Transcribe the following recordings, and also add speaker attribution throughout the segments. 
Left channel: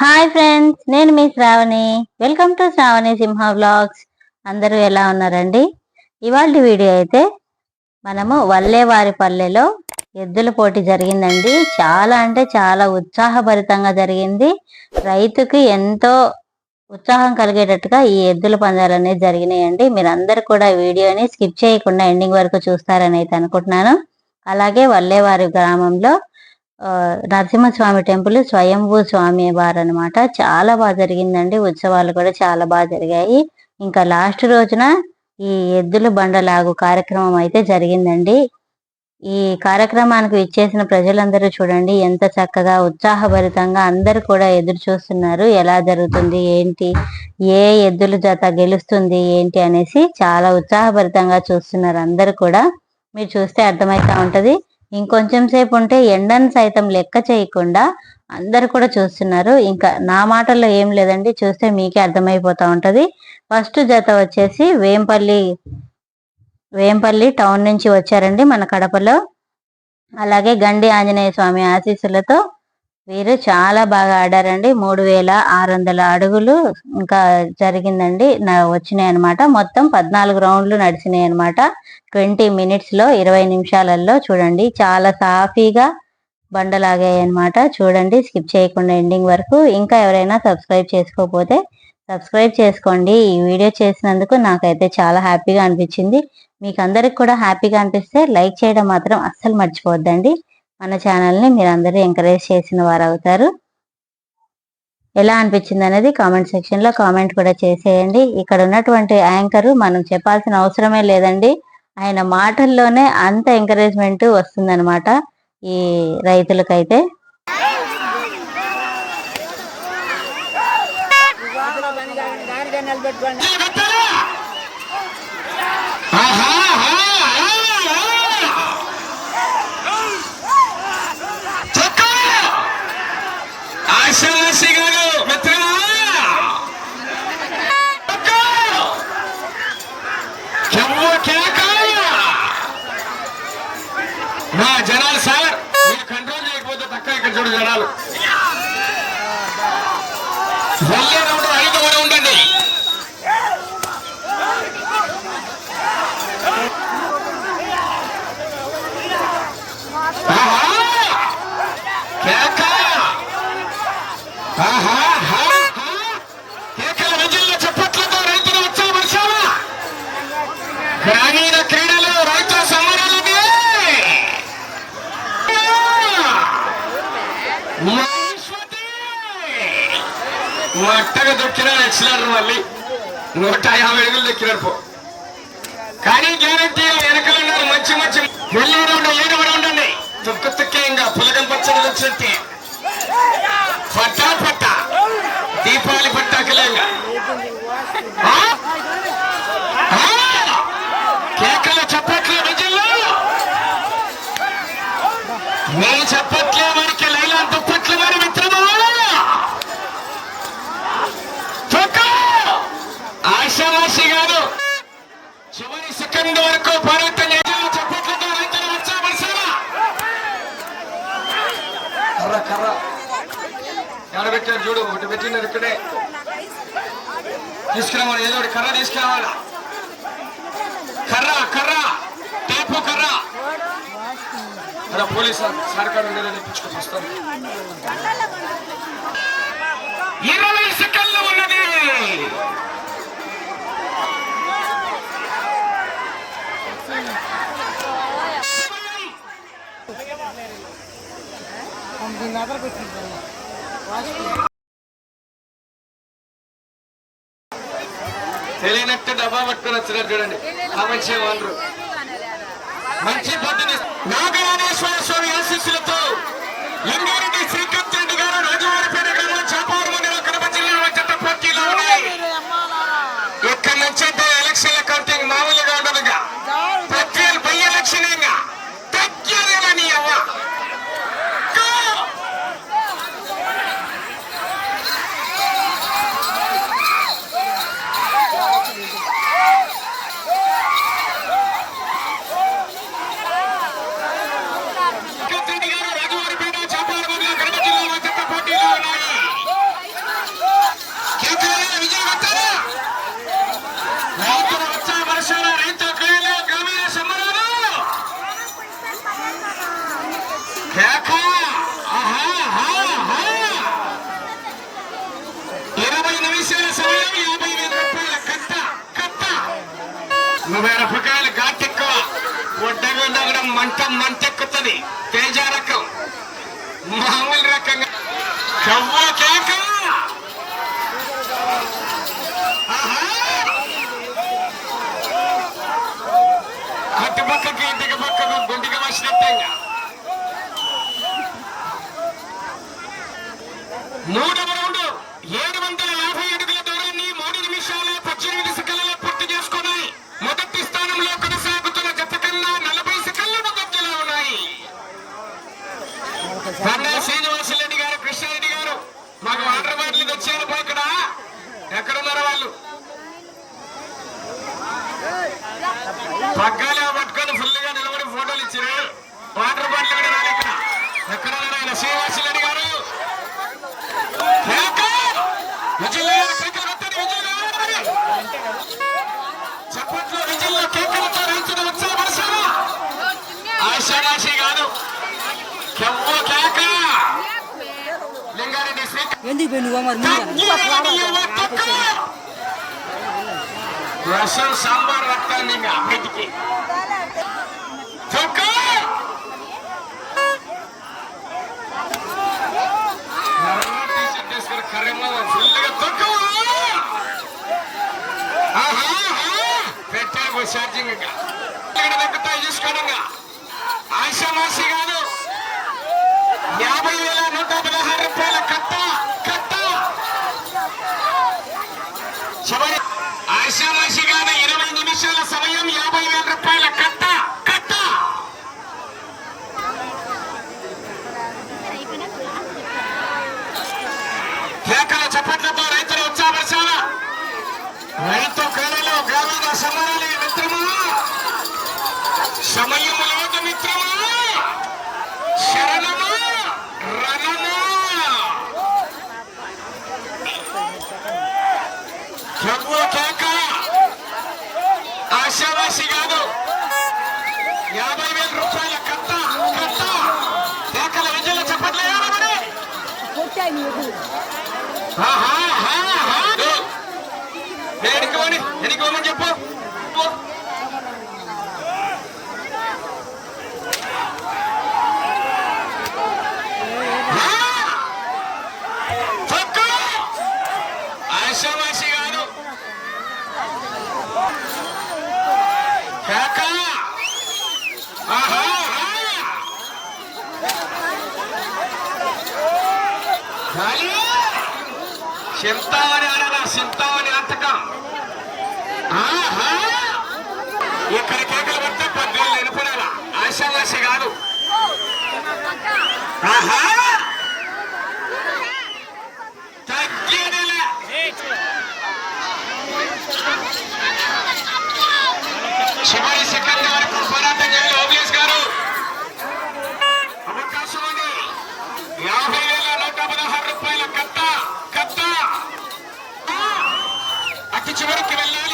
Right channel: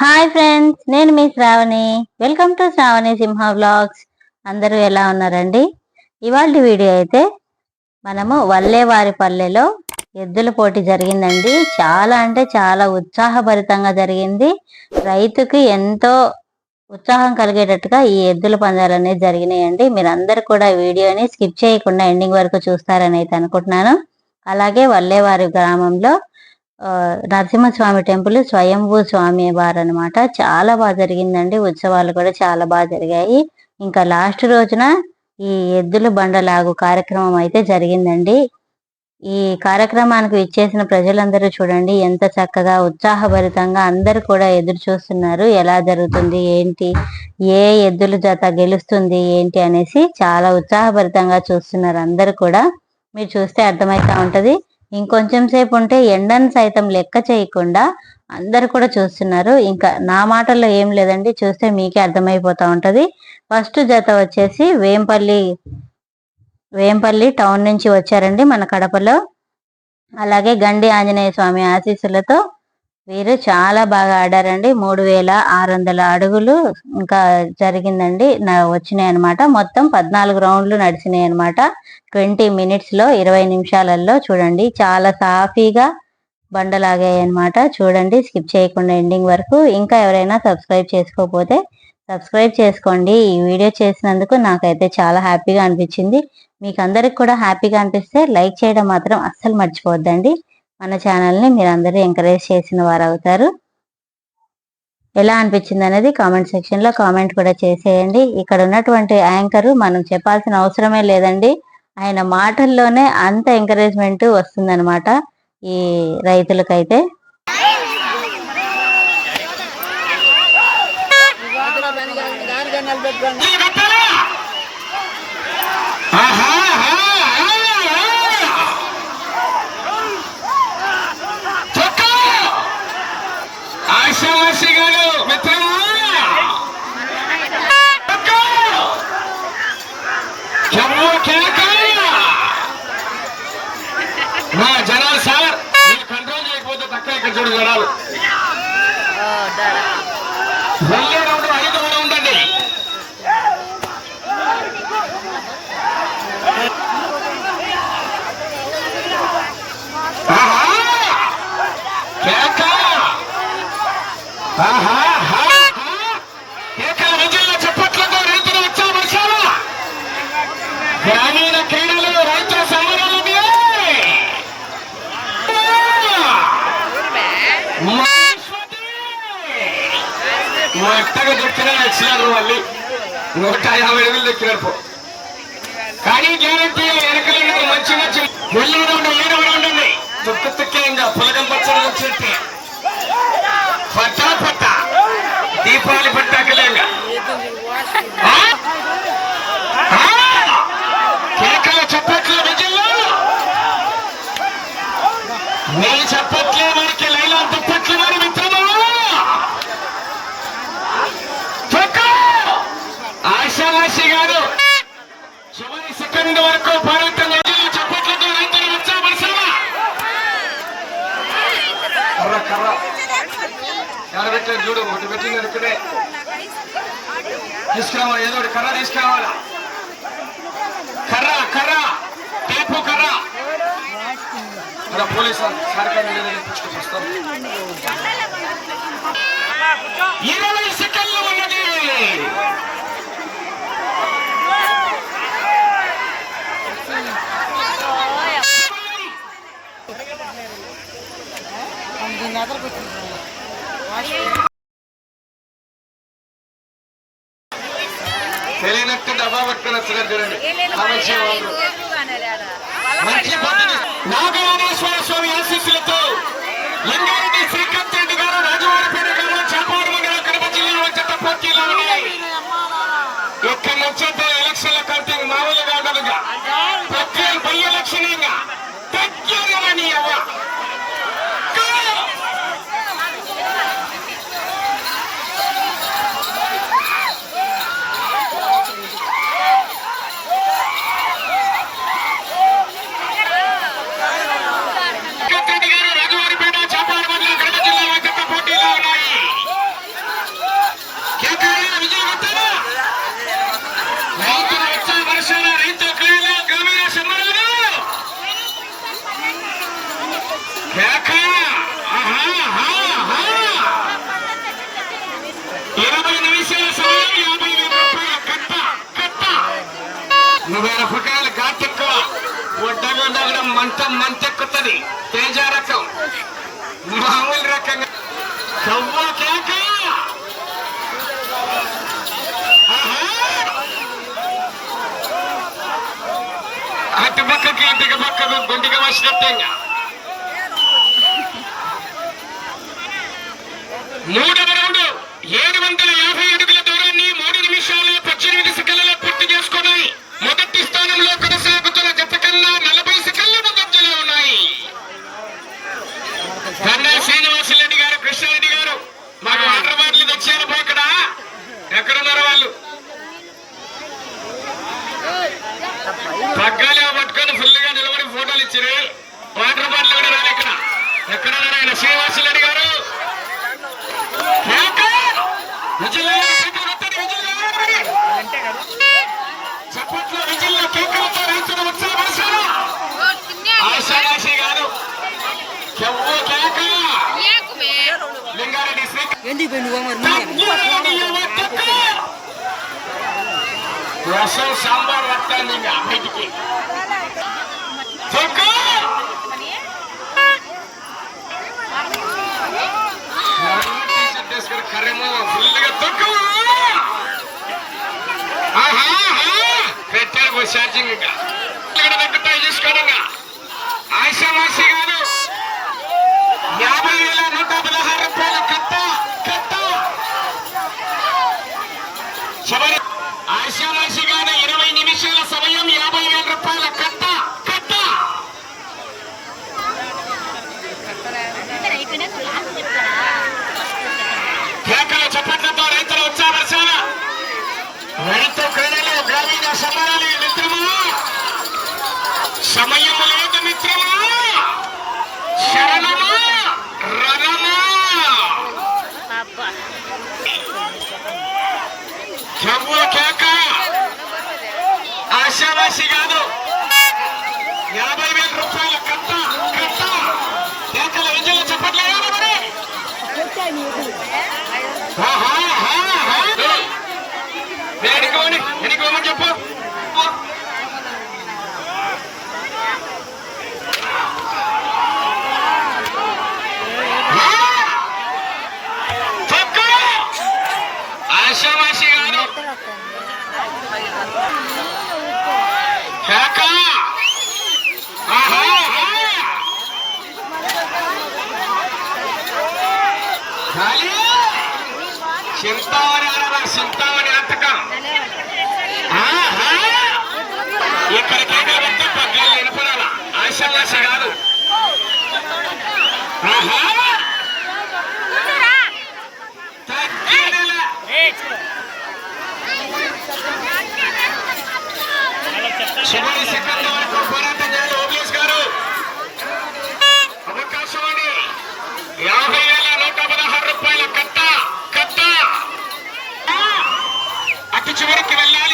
Speaker 1: Hi friends నేను మీ Sravani. Welcome to Sravani Simha vlogs అందరూ ఎలా ఉన్నారండి? ఇవాళ వీడియో అయితే మనము వల్లేవారి పల్లెలో ఎద్దుల పోటీ జరిగిందండి. చాలా అంటే చాలా ఉత్సాహభరితంగా జరిగింది. రైతుకి ఎంతో ఉత్సాహం కలిగేటట్టుగా ఈ ఎద్దుల పందాలు అనేది జరిగినాయండి. మీరందరూ కూడా వీడియోని స్కిప్ చేయకుండా ఎండింగ్ వరకు చూస్తారని అయితే అనుకుంటున్నాను. అలాగే వల్లేవారి గ్రామంలో నరసింహస్వామి టెంపుల్ స్వయంభూ స్వామి వారు అనమాట చాలా బాగా జరిగిందండి. ఉత్సవాలు కూడా చాలా బాగా జరిగాయి. ఇంకా లాస్ట్ రోజున ఈ ఎద్దుల బండలాగు కార్యక్రమం అయితే జరిగిందండి. ఈ కార్యక్రమానికి ఇచ్చేసిన ప్రజలందరూ చూడండి ఎంత చక్కగా ఉత్సాహభరితంగా అందరూ కూడా ఎదురు చూస్తున్నారు. ఎలా జరుగుతుంది ఏంటి ఏ ఎద్దుల జత గెలుస్తుంది ఏంటి అనేసి చాలా ఉత్సాహభరితంగా చూస్తున్నారు అందరూ కూడా. మీరు చూస్తే అర్థమవుతా ఉంటది. ఇంకొంచెం సేపు ఉంటే ఎండను సైతం లెక్క చేయకుండా అందరు కూడా చూస్తున్నారు. ఇంకా నా మాటల్లో ఏం లేదండి. చూస్తే మీకే అర్థమైపోతా ఉంటుంది. ఫస్ట్ జత వచ్చేసి వేంపల్లి వేంపల్లి టౌన్ నుంచి వచ్చారండి మన కడపలో. అలాగే గండి ఆంజనేయ స్వామి ఆశీస్సులతో వీరు చాలా బాగా ఆడారండి. మూడు వేల ఆరు వందల అడుగులు ఇంకా జరిగిందండి. నా వచ్చినాయి అనమాట మొత్తం పద్నాలుగు రౌండ్లు నడిచినాయి అనమాట ట్వంటీ మినిట్స్లో ఇరవై నిమిషాలలో చూడండి. చాలా సాఫీగా బండలాగాయి అనమాట చూడండి స్కిప్ చేయకుండా ఎండింగ్ వరకు. ఇంకా ఎవరైనా సబ్స్క్రైబ్ చేసుకోకపోతే సబ్స్క్రైబ్ చేసుకోండి. ఈ వీడియో చేసినందుకు నాకైతే చాలా హ్యాపీగా అనిపించింది. మీకు అందరికి కూడా హ్యాపీగా అనిపిస్తే లైక్ చేయడం మాత్రం అస్సలు మర్చిపోవద్దండి. మన ఛానల్ని మీరు అందరూ ఎంకరేజ్ చేసిన వారు అవుతారు ఎలా అనిపించింది అనేది కామెంట్ సెక్షన్లో కామెంట్ కూడా చేసేయండి. ఇక్కడ ఉన్నటువంటి యాంకర్ మనం చెప్పాల్సిన అవసరమే లేదండి. ఆయన మాటల్లోనే అంత ఎంకరేజ్మెంట్ వస్తుందన్నమాట ఈ రైతులకైతే.
Speaker 2: ఆశావాసి గారు మిత్రమా తొక్కు! చెమ్ము కేక! మా జనాలు సార్ మీరు కంట్రోల్ చేయకపోతే తక్కువ ఇక్కడ చూడు జనాలు వెళ్ళే రౌండ్ ఐదు కూడా ఉండండి ఆహా! కేక! ఆహా! ఆహా! కేకల విజయంలో చప్పట్లతో రైతులు ఉత్సాహపరిచారా గ్రామీణ క్రీడలు రైతుల సమరాలు మొట్టగా దొక్కిన వచ్చినారు మళ్ళీ. నూట యాభై అడుగులు దొక్కినారు పో. కానీ గ్యారంటీ వెనకలు ఉన్నారు మంచి మంచి. వెళ్ళేది ఉండే ఏడు ఉండండి తొక్కు తొక్కే ఇంకా పులగం పచ్చడి వచ్చినట్టే పట్టా పట్టా దీపావళి పట్టాకలేంగా కేకల చప్పట్లు విజయంలో మీ చప్పట్లే వారికి లైలా దుప్పట్లు వారి మిత్రమా చొక్కా! ఆశావాసి గారు చివరి సెకండ్ వరకు భారత నిజంలో చప్పట్లతో రైతులు ఉత్సాహపరిచారా కర్ర కర్ర కర్ర పెట్టారు చూడు ఇక్కడే. తీసుకురావాలి ఏదో ఒకటి కర్ర తీసుకురావాలా. కర్ర కర్ర టేపు కర్ర. అక్కడ పోలీస్ కార్యక్రమం లేదని వస్తాను ఇరవై సెకండ్లు ఉన్నది. తెలియనట్టు డబ్బా పట్టుకొని వచ్చినారు చూడండి. ఆ వాళ్ళు. మంచి పొద్దుని నాగయానేశ్వర స్వామి ఆశీస్సులతో లింగారెడ్డి శ్రీకాంత్ రెడ్డి గారు రాజవారిపేట గ్రామం చాపాడు మండలం కడప జిల్లాలో వచ్చేట పోటీలు ఉన్నాయి ఇక్కడ నుంచి అయితే ఎలక్షన్ల కౌంటింగ్ మామూలుగా ఉండదుగా ప్రత్యేక బై ఎలక్షన్ ఇంకా తగ్గేదేనా నీ అవ్వ Go! శ్రీకాంత్ రెడ్డి గారు రాజవారిపేట చాపాడు మండలం కడప జిల్లాలో చెత్త పోటీలో ఉన్నాయి మిరపకాయలు రూపాయలు ఎక్కువ ఒడ్డగా ఉన్నా కూడా మంట మంటెక్కుతుంది. తేజ రకం మామూలు రకంగా. కవ్వ కేక అటు పక్కకి ఇంటికి పక్కకు గుండిగా వచ్చినట్టే మూడు రెండు ఏడు ఇచ్చారు వాటర్ బాటిల్ కూడా రాలే ఇక్కడ. ఆయన గారు. చప్పట్లు కేకలతో గారు. కెవ్వు కేక! లింగారెడ్డి
Speaker 3: ఎందుకు
Speaker 2: సాంబార్ వస్తాను ఇంకా బయటికి కర్రేమో ఫుల్గా తొక్కు! పెట్టారు ఛార్జింగ్ ఇంకా. ఇక్కడ తగ్గుతాయి ఆశామాసి కాదు యాభై వేల నూట పదహారు రూపాయల కట్ట కట్ట చివరి ఆశామాసి కాదు ఇరవై నిమిషాల సమయం యాభై వేల రూపాయల కట్ట కట్ట కేకల చప్పట్లతో రైతులు ఉత్సాహపరచాల రైతు క్రీడలు గ్రామీణ సమరాలు మిత్రమా సమయం లేదు మిత్రమా శరణమా రణమా కవ్వ కేక! ఆశావాసి కాదు. యాభై వేల రూపాయల కట్ట కట్ట! కేకల విజయలు చెప్పట్లేదు మరి? ఆహా. దేనికోని ఎనికోమని చెప్పు చెక్కు! ఆశావాసి గారు కేక! ఆహా, ఆహా! ఖాళీ! చింతామణి అనగా చింతామణి అంతకం ఆహా! ఇక్కడ కేకలు పడితే పగ్గాలు వినపడాలా ఆశావాస కాదు. ఆహా! తగ్గినలా. సెకండ్ వరకు పోరాటం చివరికి వెళ్ళాలి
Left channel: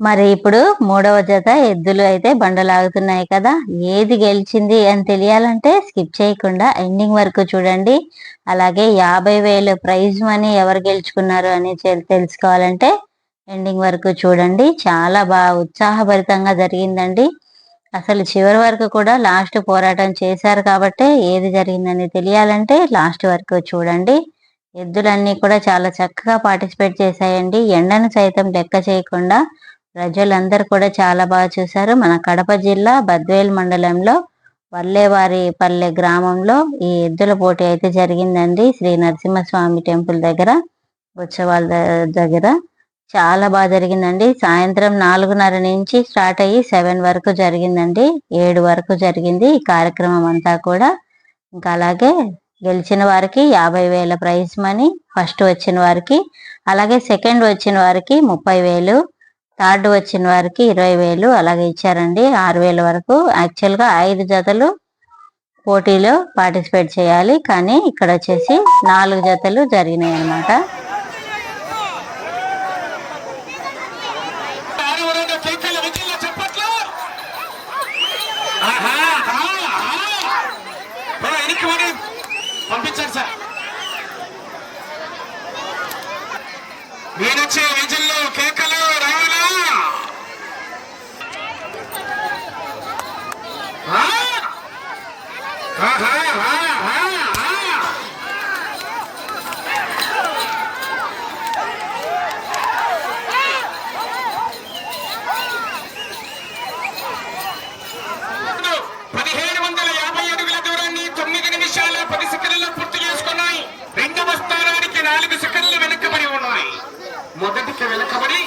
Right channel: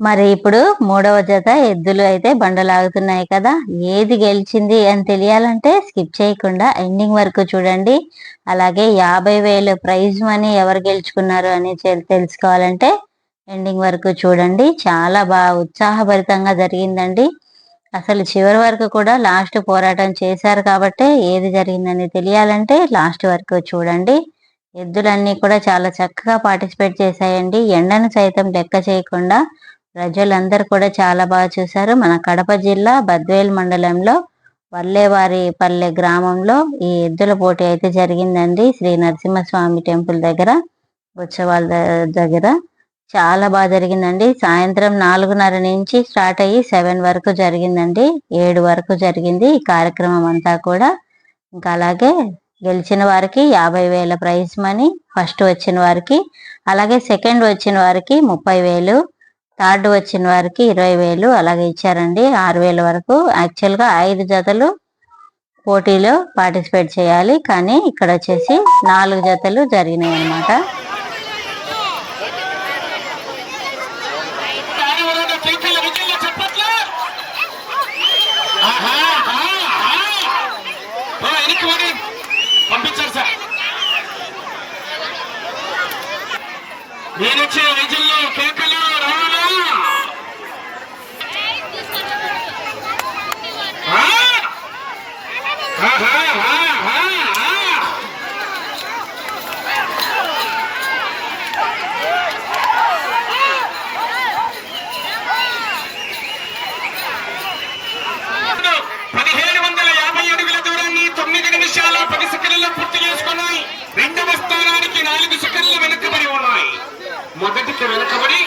Speaker 2: మరి
Speaker 1: ఇప్పుడు మూడవ జత ఎద్దులు అయితే బండలాగుతున్నాయి కదా. ఏది గెలిచింది అని తెలియాలంటే స్కిప్ చేయకుండా ఎండింగ్ వరకు చూడండి. అలాగే యాభై వేలు ప్రైజ్ మనీ ఎవరు గెలుచుకున్నారు అని తెలుసుకోవాలంటే ఎండింగ్ వరకు చూడండి. చాలా బాగా ఉత్సాహభరితంగా జరిగిందండి. అసలు చివరి వరకు కూడా లాస్ట్ పోరాటం చేశారు కాబట్టి ఏది జరిగిందని తెలియాలంటే లాస్ట్ వరకు చూడండి. ఎద్దులన్నీ కూడా చాలా చక్కగా పార్టిసిపేట్ చేశాయండి. ఎండను సైతం లెక్క చేయకుండా ప్రజలందరూ కూడా చాలా బాగా చూశారు. మన కడప జిల్లా బద్వేల్ మండలంలో వల్లేవారి పల్లె గ్రామంలో ఈ ఎద్దుల పోటీ అయితే జరిగిందండి. శ్రీ నరసింహస్వామి టెంపుల్ దగ్గర ఉత్సవాల దగ్గర. చాలా బాగా జరిగిందండి. సాయంత్రం నాలుగున్నర నుంచి స్టార్ట్ అయ్యి సెవెన్ వరకు జరిగిందండి. ఏడు వరకు జరిగింది ఈ కార్యక్రమం అంతా కూడా. ఇంకా అలాగే గెలిచిన వారికి యాభై వేల ప్రైజ్ మనీ ఫస్ట్ వచ్చిన వారికి అలాగే సెకండ్ వచ్చిన వారికి ముప్పై వేలు థర్డ్ వచ్చిన వారికి ఇరవై వేలు అలాగే ఇచ్చారండి. ఆరు వేల వరకు యాక్చువల్గా ఐదు జతలు పోటీలో పార్టిసిపేట్ చేయాలి. కానీ ఇక్కడ వచ్చేసి నాలుగు జతలు జరిగినాయి
Speaker 2: అనమాట పంపించారు సార్. నేను వచ్చే విజుల్లో కేకలు ఆహా, ఆహా, ఆహా. పదిహేడు వందల యాభై అడుగుల దూరాన్ని తొమ్మిది నిమిషాల పది సెకండ్లలో పూర్తి చేసుకున్నాయి రెండవ స్థానానికి నాలుగు సెకండ్లు వెనుకబడి ఉన్నాయి మొదటికి వెనుకబడి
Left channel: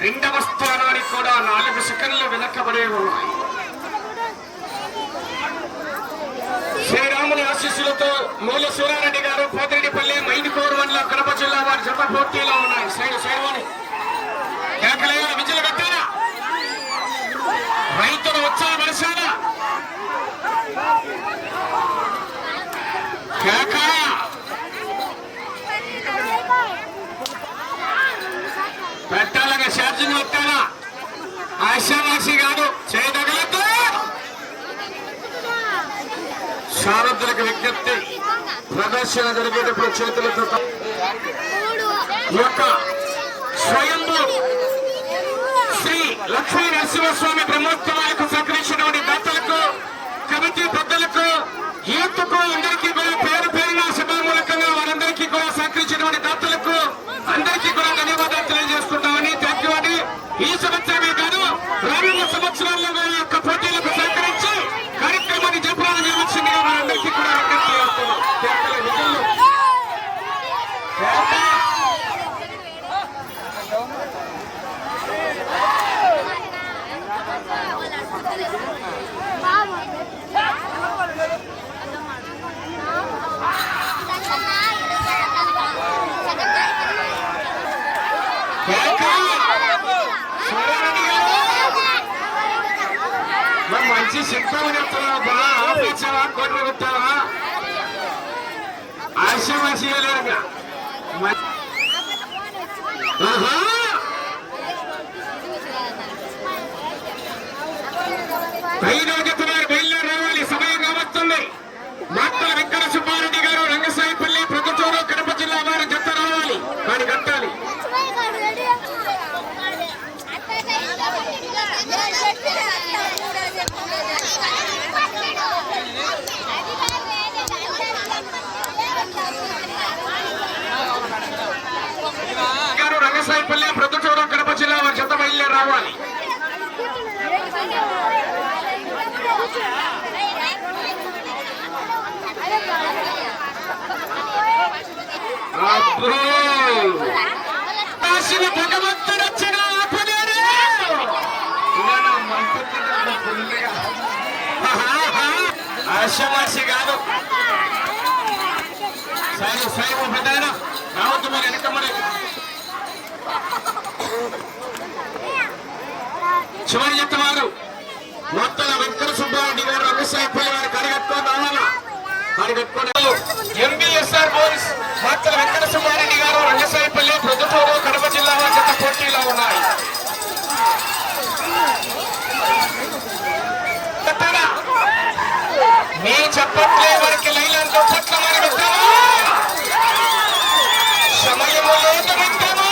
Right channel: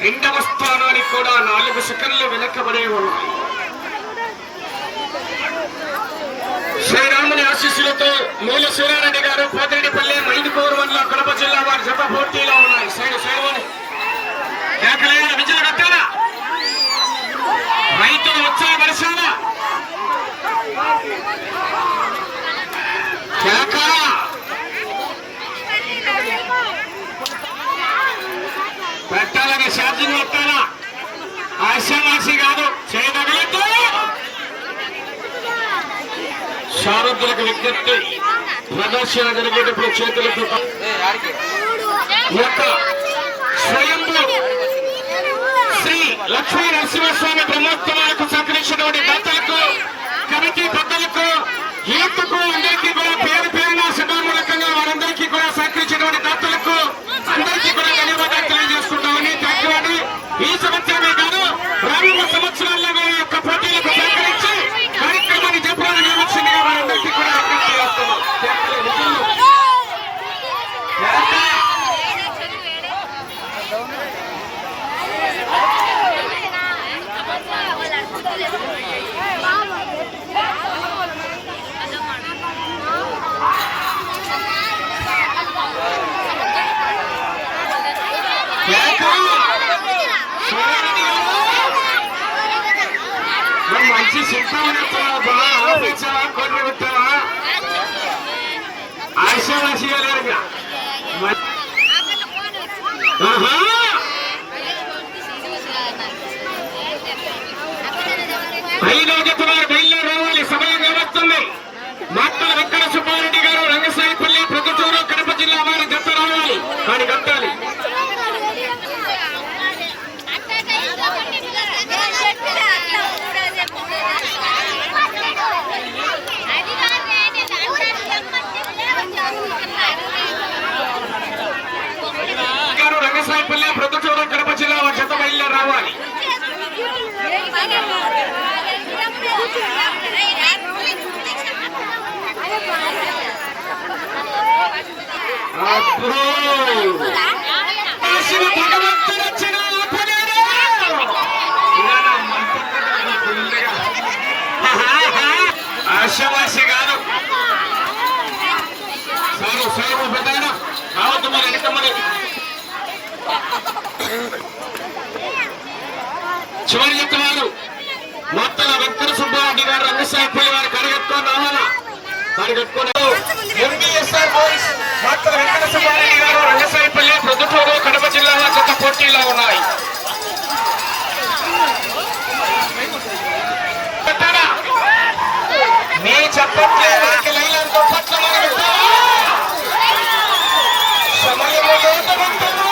Speaker 2: రెండవ స్థానానికి కూడా నాలుగు సెకండ్లు వెనుకబడి ఉన్నాయి ఆశీస్సులతో మూల సూరారెడ్డి గారు పోతిరెడ్డిపల్లి మైదుకూరు వల్ల కడప జిల్లా వారి జత పోటీలో ఉన్నాయి. సైడ్ సైడ్ కేకలేయాలి విజయ కట్టారా రైతులు ఉత్సాహపరచాలా కేక. పెట్టాలని ఛార్జింగ్ పెట్టాలా? ఆశావాసి కాదు చే శారదులకు విజ్ఞప్తి ప్రదర్శన జరిగేటప్పుడు చేతులతో యొక్క స్వయంభూ శ్రీ లక్ష్మీ నరసింహస్వామి బ్రహ్మోత్సవాలకు సహకరించినటువంటి దాతలకు కమిటీ పెద్దలకు యూత్కు అందరికీ కూడా పేరు పేరున సభామూలకంగా వారందరికీ కూడా సహకరించినటువంటి దాతలకు అందరికీ కూడా ధన్యవాదాలు తెలియజేసుకుంటామని థ్యాంక్ యూ అండి ఈ సంవత్సరమే కాదు రానున్న సంవత్సరాల్లో కూడా ఈ యొక్క పోటీలకు సహకరించి కార్యక్రమాన్ని జయప్రదం చేయవలసిందిగా వారందరికీ కూడా విజ్ఞప్తి చేస్తున్నాం థ్యాంక్ యూ. నిజంగా. మరి మంచి శిల్పం చెప్తున్నావా ఆపించావా కొట్ర పెట్టావా ఆశావాసిగా లేరుగా మ- బయలుదేరి రావాలి సమయం కావస్తుంది మాక్కల వెంకట సుబ్బారెడ్డి గారు రంగసాయిపల్లి ప్రొద్దుటూరు కడప జిల్లా వారి జత రావాలి. వారి కట్టాలి. రంగసాయిపల్లి ప్రొద్దుటూరు కడప జిల్లా వారి జత బయలుదేరి రావాలి. ఆశావాసి కాదు సారు సారు పెద్దాయన రావద్దు మరి వెనక మరి చివరి చెప్తున్నారు మొత్తం వెంకట సుబ్బారెడ్డి గారు వారు కరగట్టుకొని రావాలా కరగట్టుకొని ఎంబీఎస్ఆర్ వెంకట సుబ్బారెడ్డి గారు రంగసాయిపల్లి కడప జిల్లా జత పోటీలో ఉన్నాయి. నేను చెప్పట్లే వారికి లైన్లతో పట్టమని సమయము లేదు పెట్టావా?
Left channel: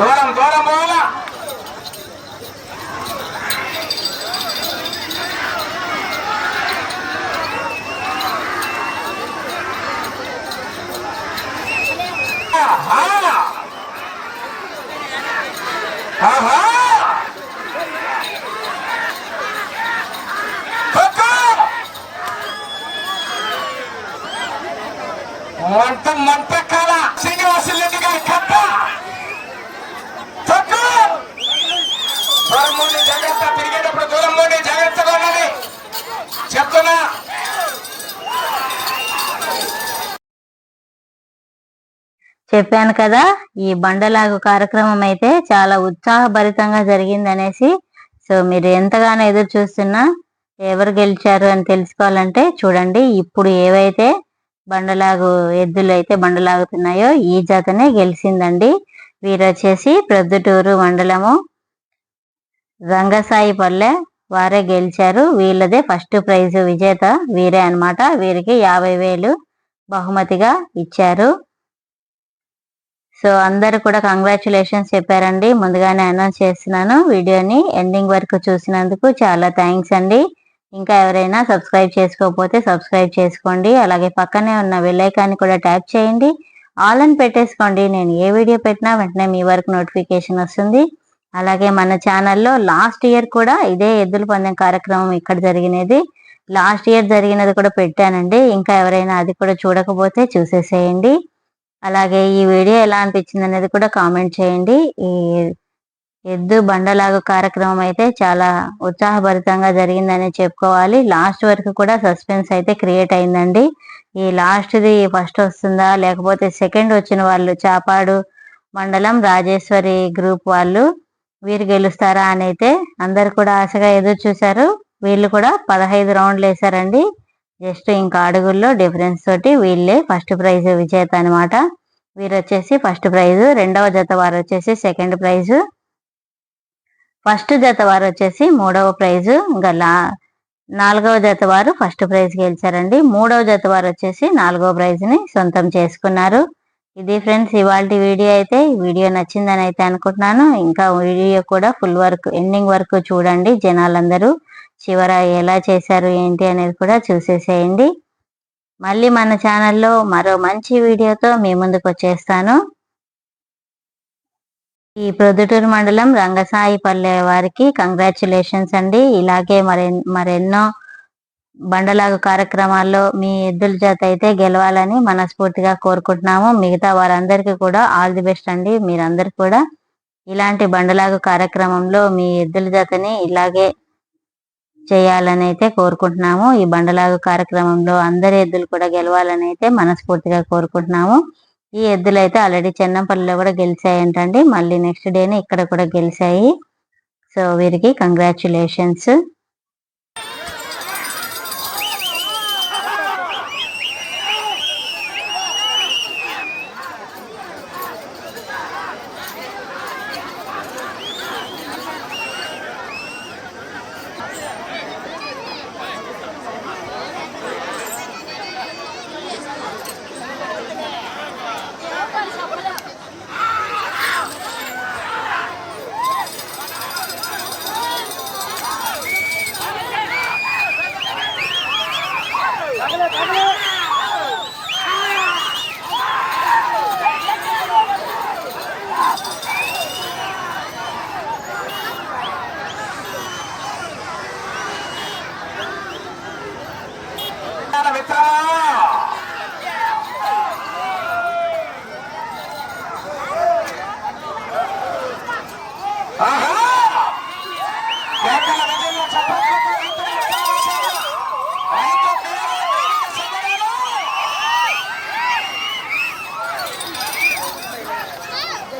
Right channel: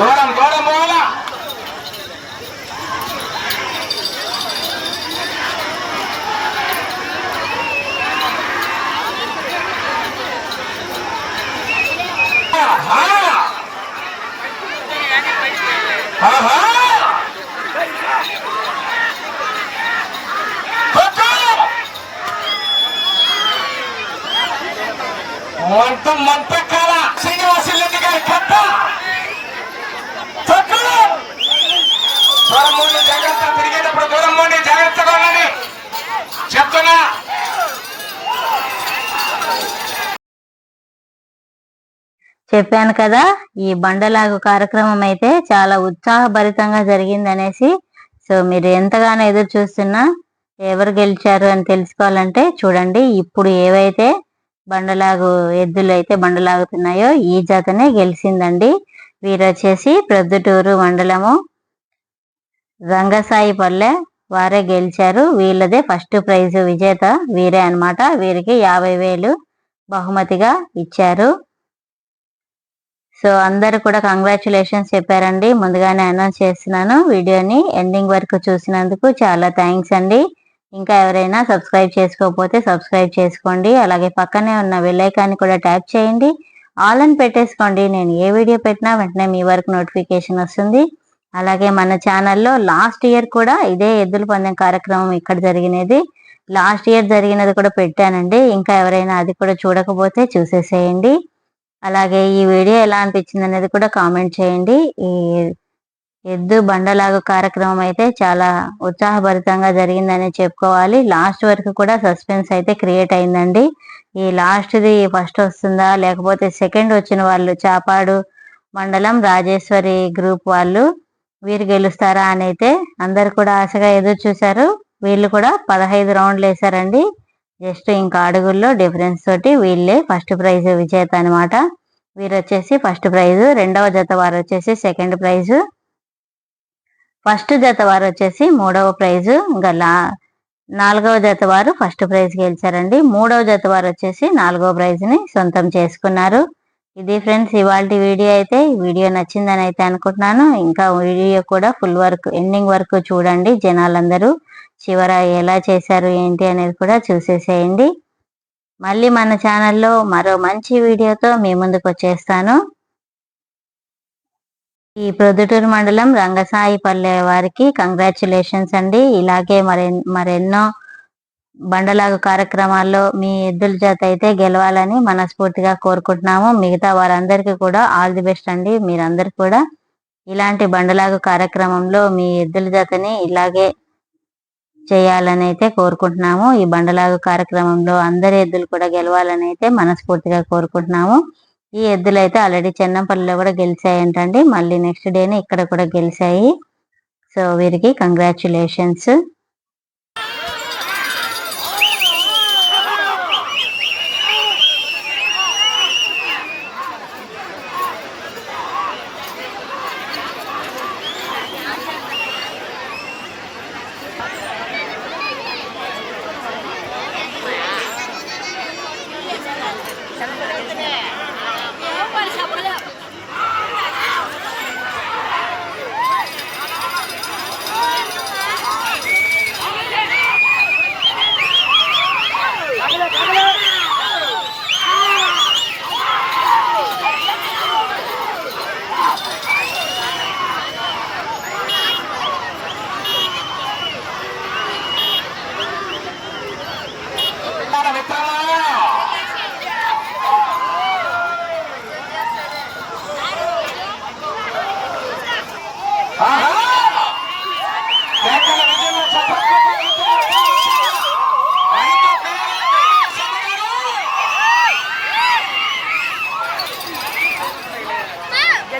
Speaker 2: దూరం దూరం పోవాలా ఆహా! ఆహా! కొట్టు! మంట మంట కాల శ్రీనివాసరెడ్డి గారి కట్ట కొట్టు! దూరంలోనే జాగ్రత్త తిరిగేటప్పుడు దూరంలోనే జాగ్రత్తగా ఉండండి. చెప్తున్నా.
Speaker 1: చెప్పాను కదా ఈ బండలాగు కార్యక్రమం అయితే చాలా ఉత్సాహభరితంగా జరిగిందనేసి సో మీరు ఎంతగానో ఎదురు చూస్తున్నా ఎవరు గెలిచారు అని తెలుసుకోవాలంటే చూడండి ఇప్పుడు ఏవైతే బండలాగు ఎద్దులు అయితే బండలాగుతున్నాయో ఈ జతనే గెలిచిందండి. వీరు వచ్చేసి ప్రొద్దుటూరు మండలము రంగసాయి పల్లె వారే గెలిచారు. వీళ్ళదే ఫస్ట్ ప్రైజ్ విజేత వీరే అన్నమాట. వీరికి యాభై వేలు బహుమతిగా ఇచ్చారు. సో అందరు కూడా కంగ్రాచులేషన్స్ చెప్పారండి. ముందుగానే అనౌన్స్ చేస్తున్నాను. వీడియోని ఎండింగ్ వరకు చూసినందుకు చాలా థ్యాంక్స్ అండి. ఇంకా ఎవరైనా సబ్స్క్రైబ్ చేసుకోకపోతే సబ్స్క్రైబ్ చేసుకోండి. అలాగే పక్కనే ఉన్న విలేకాన్ని కూడా ట్యాప్ చేయండి. ఆల్ అని పెట్టేసుకోండి. నేను ఏ వీడియో పెట్టినా వెంటనే మీ వరకు నోటిఫికేషన్ వస్తుంది. అలాగే మన ఛానల్లో లాస్ట్ ఇయర్ కూడా ఇదే ఎద్దుల పందెం కార్యక్రమం ఇక్కడ జరిగినది. లాస్ట్ ఇయర్ జరిగినది కూడా పెట్టానండి. ఇంకా ఎవరైనా అది కూడా చూడకపోతే చూసేసేయండి. అలాగే ఈ వీడియో ఎలా అనిపించింది అనేది కూడా కామెంట్ చేయండి. ఈ ఎద్దు బండలాగు కార్యక్రమం అయితే చాలా ఉత్సాహభరితంగా జరిగిందని చెప్పుకోవాలి. లాస్ట్ వరకు కూడా సస్పెన్స్ అయితే క్రియేట్ అయిందండి. ఈ లాస్ట్ది ఫస్ట్ వస్తుందా లేకపోతే సెకండ్ వచ్చిన వాళ్ళు చాపాడు మండలం రాజేశ్వరి గ్రూప్ వాళ్ళు వీరు గెలుస్తారా అని అయితే అందరు కూడా ఆశగా ఎదురు చూశారు. వీళ్ళు కూడా పదహైదు రౌండ్లు వేశారండి. జస్ట్ ఇంకా అడుగుల్లో డిఫరెన్స్ తోటి వీళ్ళే ఫస్ట్ ప్రైజ్ విజేత అనమాట వీరు వచ్చేసి ఫస్ట్ ప్రైజ్ రెండవ జత వారు వచ్చేసి సెకండ్ ప్రైజ్. ఫస్ట్ జత వారు వచ్చేసి మూడవ ప్రైజ్ ఇంకా లా నాలుగవ జత వారు ఫస్ట్ ప్రైజ్ గెలిచారండి. మూడవ జత వారు వచ్చేసి నాలుగవ ప్రైజ్ని సొంతం చేసుకున్నారు. ఇది ఫ్రెండ్స్ ఇవాళ వీడియో అయితే వీడియో నచ్చిందని అయితే అనుకుంటున్నాను. ఇంకా వీడియో కూడా ఫుల్ వర్క్ ఎండింగ్ వరకు చూడండి జనాలందరూ. చివర ఎలా చేశారు ఏంటి అనేది కూడా చూసేసేయండి. మళ్ళీ మన ఛానల్లో మరో మంచి వీడియోతో మీ ముందుకు వచ్చేస్తాను. ఈ ప్రొద్దుటూరు మండలం రంగసాయి పల్లె వారికి కంగ్రాచులేషన్స్ అండి. ఇలాగే మరెన్ మరెన్నో బండలాగు కార్యక్రమాల్లో మీ ఎద్దుల జత అయితే గెలవాలని మనస్ఫూర్తిగా కోరుకుంటున్నాము. మిగతా వారందరికీ కూడా ఆల్ ది బెస్ట్ అండి. మీరందరు కూడా ఇలాంటి బండలాగు కార్యక్రమంలో మీ ఎద్దుల జతని ఇలాగే చేయాలని అయితే కోరుకుంటున్నాము. ఈ బండలాగు కార్యక్రమంలో అందరి ఎద్దులు కూడా గెలవాలని అయితే మనస్ఫూర్తిగా కోరుకుంటున్నాము. ఈ ఎద్దులు అయితే ఆల్రెడీ చెన్నంపల్లిలో కూడా గెలిచాయి ఏంటండి మళ్ళీ నెక్స్ట్ డేనే ఇక్కడ కూడా గెలిచాయి. సో వీరికి కంగ్రాచులేషన్స్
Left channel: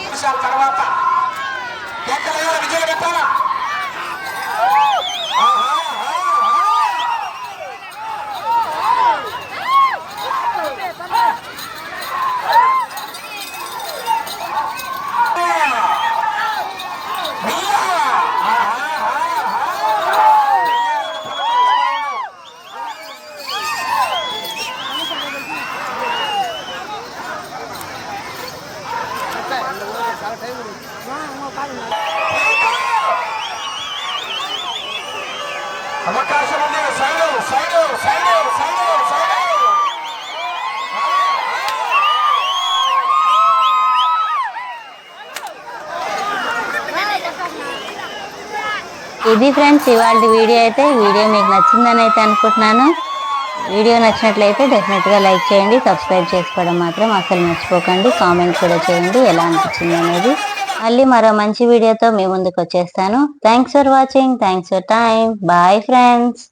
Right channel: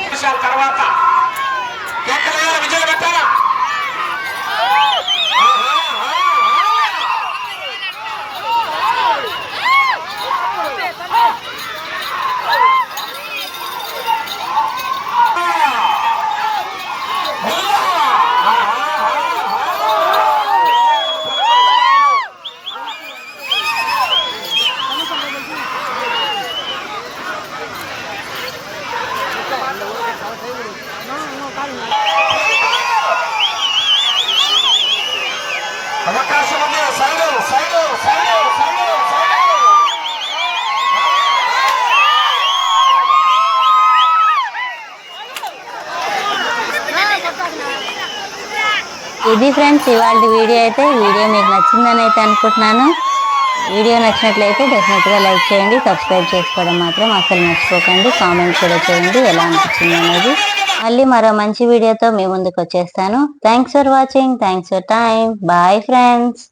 Speaker 2: నిమిషాల తర్వాత కేకలేయాలి విజయం పెట్టారా అవకాశం ఉంది
Speaker 1: ఇది ఫ్రెండ్స్ ఇవాళ వీడియో అయితే వీడియో మీకు నచ్చిందని అయితే అనుకుంటున్నాను. వీడియో నచ్చినట్లయితే డెఫినెట్గా లైక్ చేయండి సబ్స్క్రైబ్ చేసుకోవడం మాత్రం అసలు మర్చిపోకండి. కామెంట్ కూడా చేయండి ఎలా అనిపించింది అనేది. మళ్ళీ మరో మంచి వీడియోతో మీ ముందుకు వచ్చేస్తాను. Thanks for watching thanks for time bye friends